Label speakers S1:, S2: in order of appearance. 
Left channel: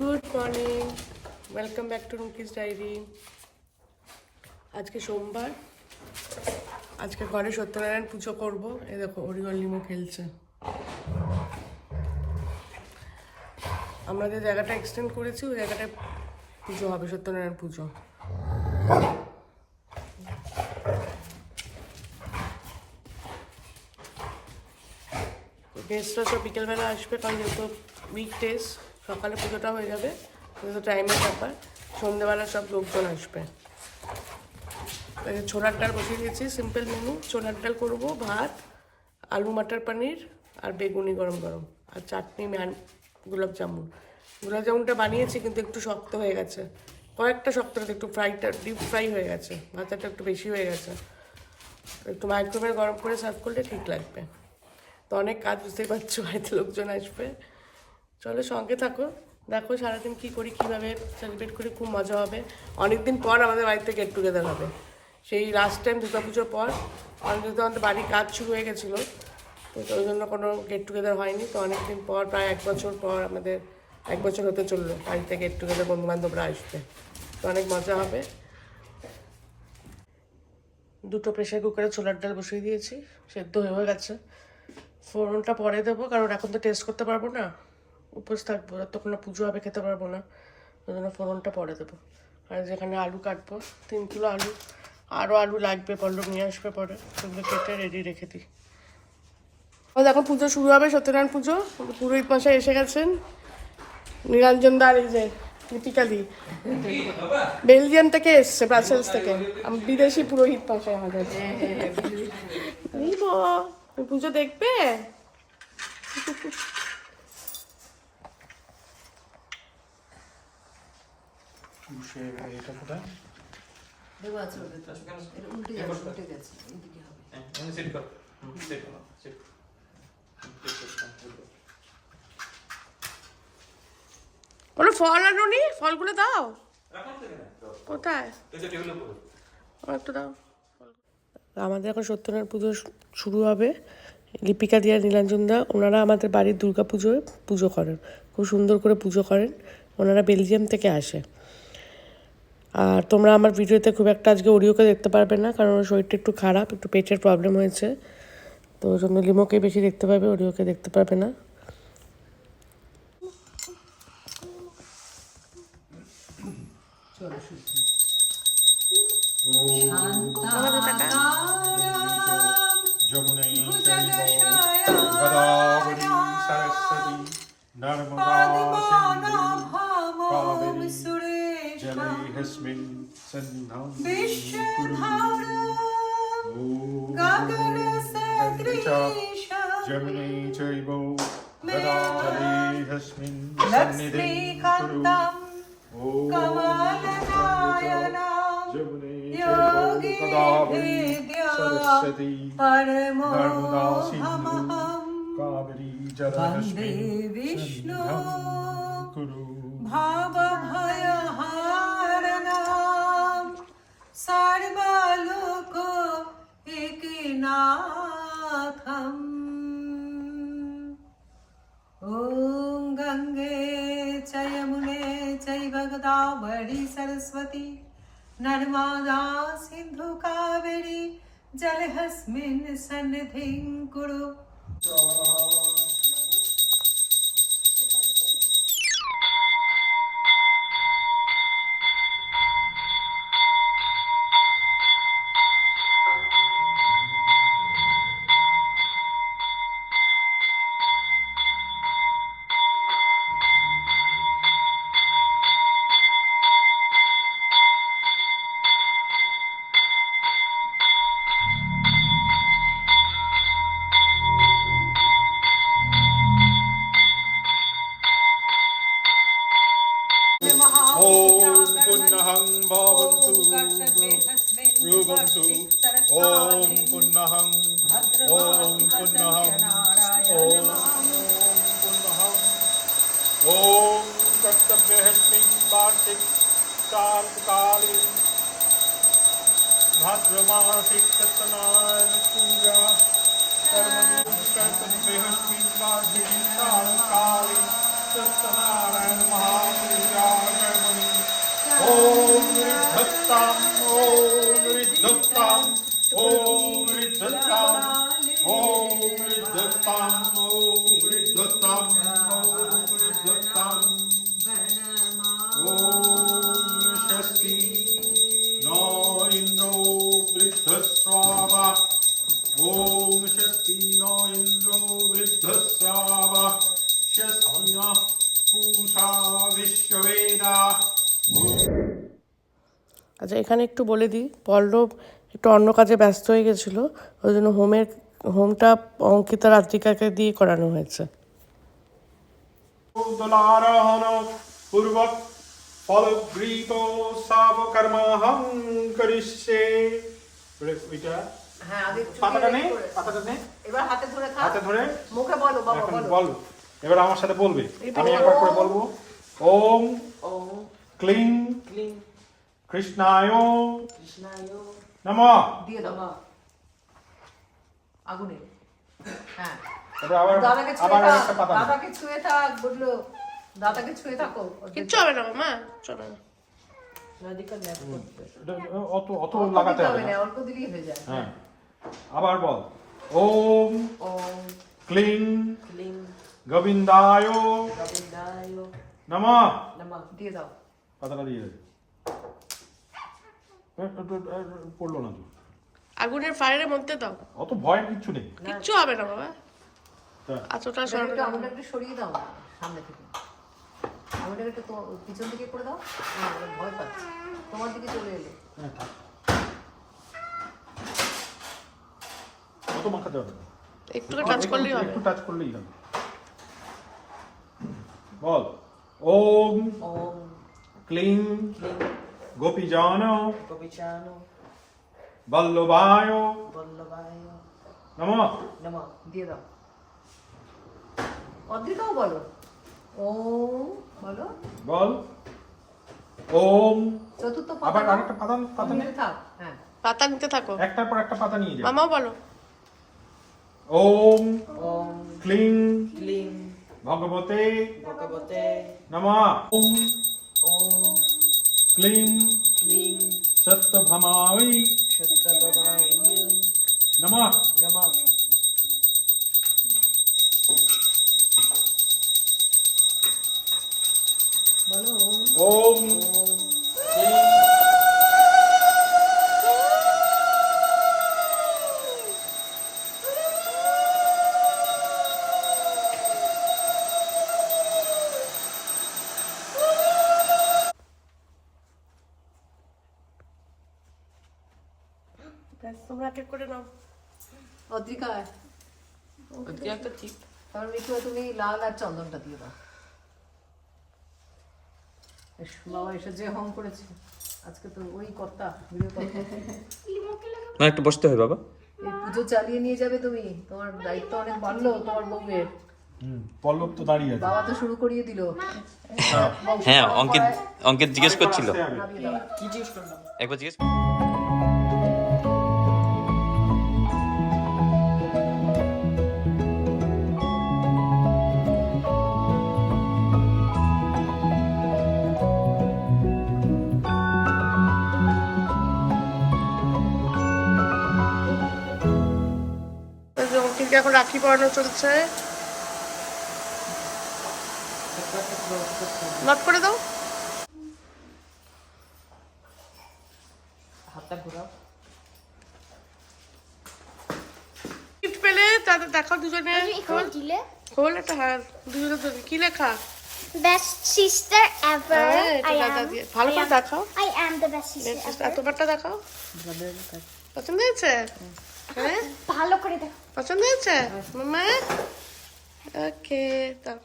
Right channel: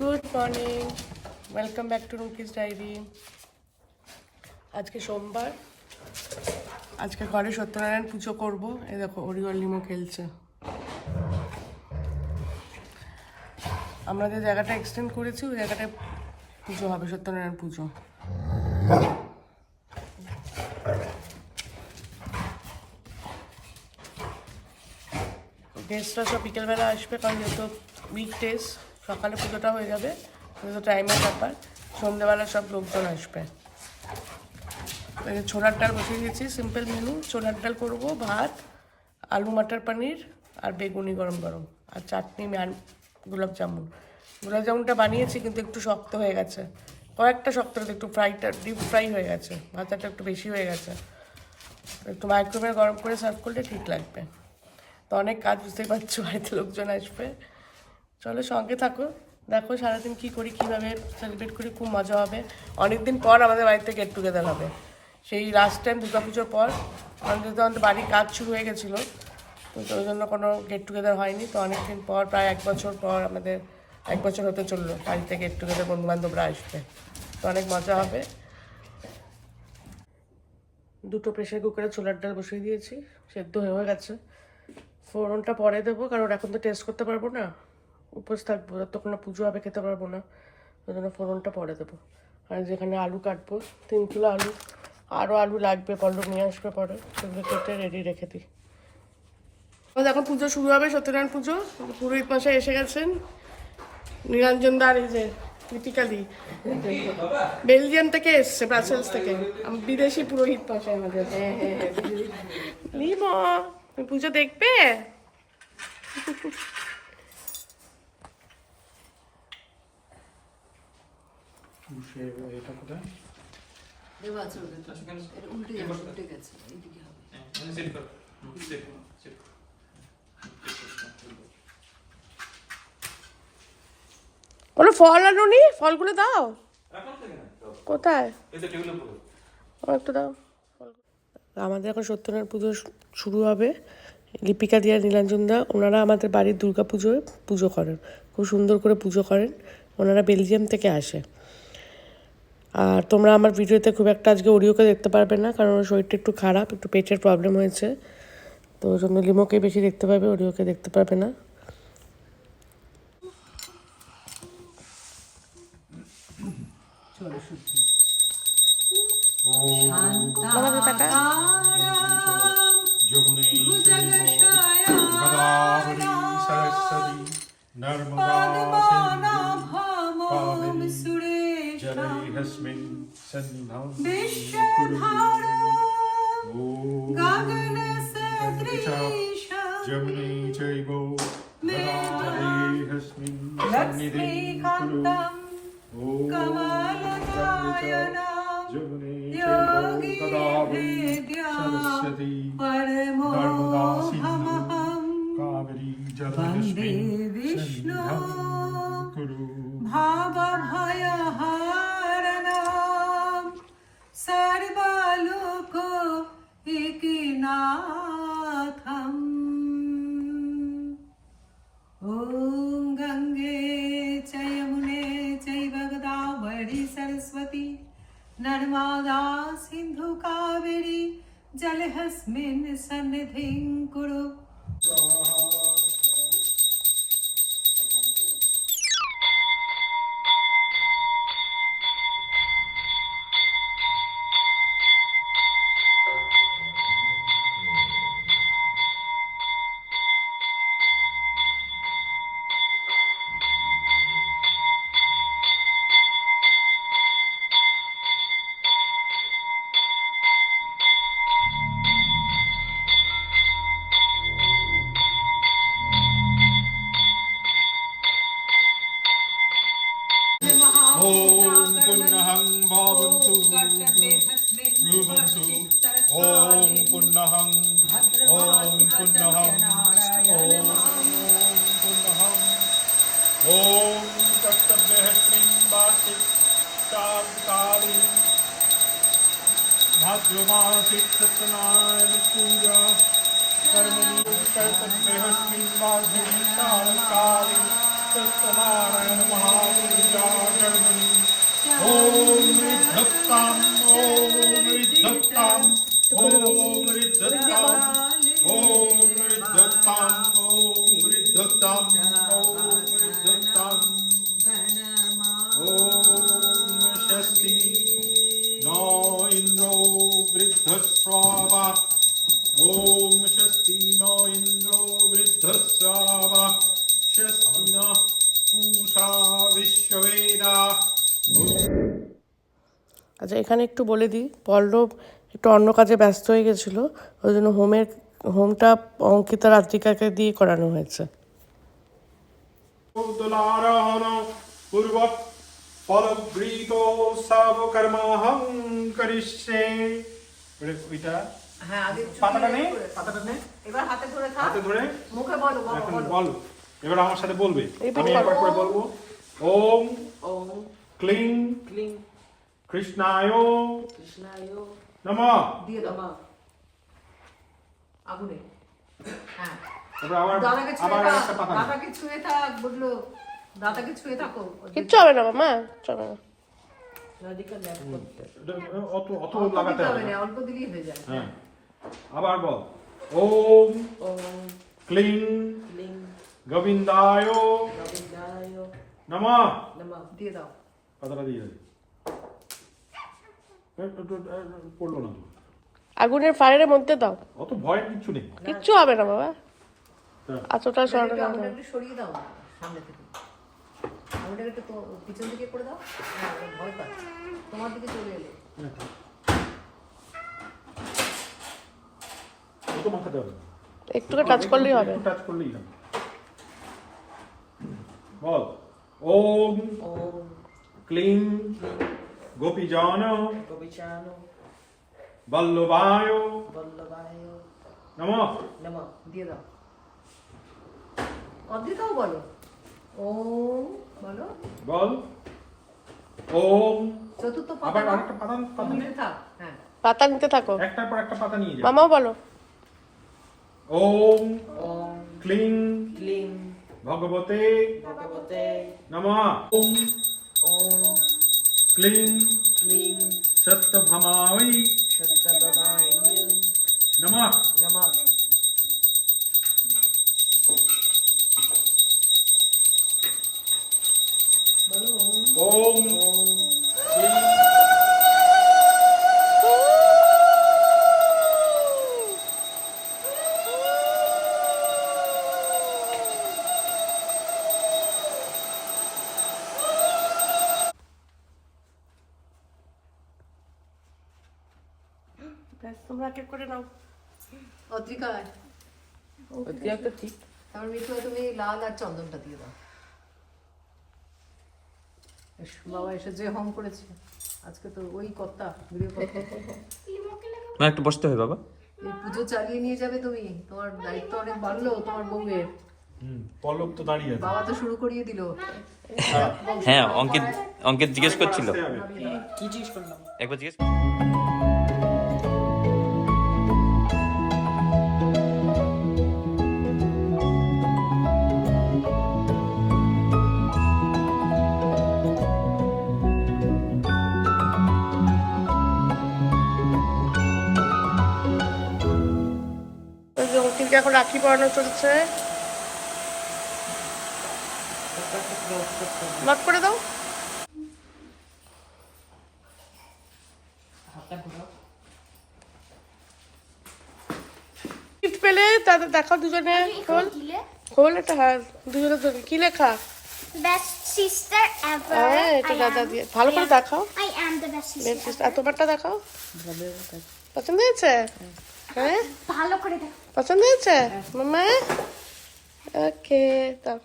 S1: Good morning welcome back to Rumki's diary আজকে সোমবার। আজকে ঘরে সত্যনারায়ণ পুজো করব। এই দেখো অরিয়ল লিমো খেলছে। আমরা যে জায়গাটা এক্সটেন্ড করেছি, ওই জায়গাটায় পুজো হবে, সত্যনারায়ণ পুজো। গেস্টরা সব বিকেলবেলা আসবে, কারণ যেহেতু উইক ডেজ সকালে পুজোটা হয়ে যাবে যেহেতু টাইমের ব্যাপার। সন্ধেবেলা সব লোকজন আসবে। ছোলার ডাল বসিয়ে দিয়েছি সিম্পল মেনু ছোলার ডাল করব, ভাত, আলু মাটার পনির আর বেগুনি গরম গরম আর চাটনি আর গোলাপ জামুন। গোলাপ জামুনটা বানিয়েছি কিন্তু একটু শক্ত হয়ে গেছে। কয়েকটা শক্ত একটু ফ্রাইটা ডিপ ফ্রাই হয়ে গেছে। ভাতাটা একটু বেশি হয়ে গেছে। একটু মাইক্রোওয়েভ গরম করে সার্ভ করলে ঠিক লাগবে। তো অনেক কাজ বুঝতেই পারছ, বাড়িতে লোকজন আসবে। চলো সঙ্গে থাকো। দেখো সারাদিন কী করি, কীভাবে সেলিব্রেট করি, খুব মজা হবে। অনেকদিন পর আমাদের বাড়িতে গেট টুগেদার হবে। সেই লাস্ট টাইম দুর্গাপুজোর পর অনেক আমাদের বাড়ির কাজ শুরু হয়ে গেছিল। তো ওই জন্য কোনো গেট টুগেদার হয়নি। তো অনেকদিন পর, প্রায় এক বছর পর আমাদের, এক বছর হতে চলল বাড়িতে গেট টুগেদার বন্ধুবান্ধবরা আসবে। তো অনেক মজা হবে। দুটো প্রেশার কুকারে ছোলার ডাল বসিয়ে দিয়েছি, সেদ্ধ হয়ে গেছে। ফোড়নটা পরে দেবো, কারণ এখন তো টেস্ট করতে পারব না। উপোস থাকব তখন পুজো হবে, খেতে পারব না। ওই জন্য ফোড়নটা পরে দেবো। আর যেখানে আলু কাটবো, তিন কিলো আলু আরও আলু লাগবে পল্লব নিয়ে আসবে পরে, সেগুলো কেটে রেডি রেখে দিই। এখন পুজো শুরু হবে, সত্যনারায়ণ পুজো। পুরোহিত মশাই এসে গেছেন। নিরঞ্জন দার এই যে লিপিকালি বেলজিয়াম থেকে এসছে ব্রাসেলস থেকে। বিদেশি পুরোহিত মশাই আমাদের। তুমি পুজো দেখবে
S2: দেবো আছে ওদের তো। এটা উল্টে গেছে, উল্টে গেছে, এইদিকে হবে।
S1: কোনো ফল আনুনি ফলগুলো দাও। কোথায়? একটু দাও। আমাদের এখন সত্যনারায়ণ পুজো শুরু হবে। লিপিকা দিয়া নীলাঞ্জন দা ওনারা আমাদের বাড়ির দুর্গা পুজোয় পুজো করেন। খুব সুন্দর করে পুজো করেন। ওনারা বেলজিয়াম থেকে আসে। আর তোমরা আমার ভিডিওতে খুব একটা আজকে ওরিওকে দেখতে পারবে না, কারণ ওর শরীরটা একটু খারাপ, একটু পেটের প্রবলেম হয়েছে। তো ওই জন্য লিমোকে বেশি দেখতে পাবে ওরিওকে দেখতে পারবে না।
S3: নর্মদা गगनस्मिन् सन्नं जमुने चैव धराधरेहस्मिन् सन्निधिं कुरु जमुने कदावरी सरस्वती नर्मदा
S2: सिन्धु
S3: कावेरी
S2: जलस्मिन्
S3: सन्निधं कुरु
S2: भावभा को एकनाथम् ॐ गङ्गे च यमुने सरस्वती। नर्मदा सिंधु कावेरी जलहस्मिन् सन्निधिं कुरु।
S3: ॐ पुन्नहं भवन्तु ब्रुवन्तु ॐ पुन्नहं ॐ पुन्नहं ॐ पुन्नहं ॐ कर्तव्यहस्मिन् वार्षिक कालकाली भाद्रमासिक सत्यनारायण पूजा कर्मणि कर्तव्यहस्मिन् वार्षिक कालकाली नारायण महामृजालकर्मणि ॐ ऋद्धत्ताम् ॐ ऋद्धत्ताम् ॐ ऋद्धत्ताम् ॐ ऋद्धत्ताम् ॐ ऋद्धत्ताम् ॐ ऋद्धत्ताम् ॐ षष्टि नो इन्द्रो वृद्धस्राव ॐ षष्टि नो इन्द्रो वृद्धस्राव
S1: আচ্ছা এখানে একটু বলে দিই পল্লব একটু অন্য কাজে ব্যস্ত হয়ে গেছিল ওই জন্য হোমের হোমটা অঙ্কিতা রাত্রিকাকে দিয়ে করানো হয়েছে।
S3: করিষ্যে। ওইটা?
S2: হ্যাঁ আগে
S3: পাতাটা নেই? পাতাটা নেই?
S2: এবার হাতে ধরে
S3: হাতে ধরে?
S2: মুখে বলো বাবা বলো।
S3: বল। এবার আমার সাথে বলবে। আমি একবার করে বলব। ওম
S4: ওম
S3: ক্লিং
S4: ক্লিং।
S3: কৃষ্ণায়
S4: কৃষ্ণায়
S3: নমঃ।
S2: দিয়ে দাও। আগুনে। হ্যাঁ।
S3: এবার আবার
S2: দাদাকে ছুঁয়ে
S3: আবার
S2: থাক।
S3: একটা পাতা
S2: দাদাকে ছুঁয়ে থাক দাদাকে ছুঁয়ে থাকো।
S1: কিচ্ছু হবে না মামা চবে না।
S4: রাধিকা ল্যাপ করতে।
S3: এটা অত অত লাগাতে হবে
S2: হবে
S3: না।
S2: না। অল্প দিলেই হয়ে যায়।
S3: হ্যাঁ। আবার বল। ওম
S4: ওম
S3: ক্লিং
S4: ক্লিং
S3: গোবিন্দায়
S4: গোবিন্দায়
S3: নমঃ
S4: নমঃ
S2: দিয়ে দাও
S3: পাতাটা দিয়ে দেবে এ, এ, এ, এ, পড়ল না
S1: আগুনের ফায়ারের মধ্যে দাও।
S3: অত কিচ্ছু নেই।
S1: কিচ্ছু হবে না বাবা।
S3: তা,
S1: আচটা সরানো
S2: একটু
S1: না।
S2: সরিয়ে দাও সামনে থেকে। আগুনটা একটু পিছন দিকে করে দাও। ভয় পাচ্ছে। তোমার দিকে চলে এলো।
S3: হ্যাঁ।
S1: একটুকে টাচ করলেই হবে।
S3: একটু টাচ করলেই হবে। বল ওম
S4: ওম
S3: ক্লিং গোপীজন
S4: গোপিচান
S3: বল্লভায়
S4: বল্লভায়
S3: নমঃ
S4: নমঃ
S2: দিয়ে দাও। অদ্রিতাও বলো। ও বলো।
S3: বল। ওম
S2: চতুর্থ পাতা
S3: আবার। আরেকটা পাতা পাতা নেই
S2: থাক। হ্যাঁ।
S1: পাতা নিতে থাকো।
S3: একটার পর একটা পাতা নিয়ে যা
S1: মামাও বলো।
S3: ওম
S4: ওম
S3: ক্লিং
S4: ক্লিং
S3: ভগবতে
S4: ভগবতে
S3: নমঃ ওম
S4: ওম
S3: ক্লিং
S4: ক্লিং
S3: সত্যভামায়
S4: সত্যবাবায়
S3: নমঃ
S4: নমঃ
S2: বলো ওম।
S3: ওম
S1: ব্যাস, তোমরা এক এক করে নাও।
S2: অদ্রিকা
S4: ওদিকে একটা ঠিক
S2: তারপর মিঠু তুমি লাল আর চন্দনটা দিয়ে দাও। বাবা এসে যে হোম করেছে আজকে তো ওই কর্তা গৃহ কর্তা।
S5: না একটু বসতে হয় বাবা।
S2: এই পুজো চালিয়ে নিয়ে যাবে তুমি তোমার দায়িত্ব অনেক বাড়লো তোমার বউয়ের।
S3: হুম, পল্লব তো দাঁড়িয়ে আছে।
S2: বাবা তো শুরু করিয়ে দিল।
S5: হ্যাঁ অঙ্কিত অঙ্কিত জিজ্ঞেস করছিল।
S4: কি জিজ্ঞেস করলাম?
S5: একবার জিজ্ঞেস
S1: ওই এখন রাখি পরানো চলছে। নট করে দাও। গিফট পেলে তাদের দেখাও দুজনে। খোল। খোল এটা হ্যাঁ দুজনের জন্য। কি লেখা?
S6: Best sister ever.
S1: হ্যাঁ এটা দাদা দিয়ে। ভালো করে দেখাও।
S6: I am the best sister.
S1: আর তোমারটা দেখাও। পছন্দ হয়েছে? হ্যাঁ?
S6: ভালো করে দেখো।
S1: পছন্দ হয়েছে? মামা? ওকে দাও।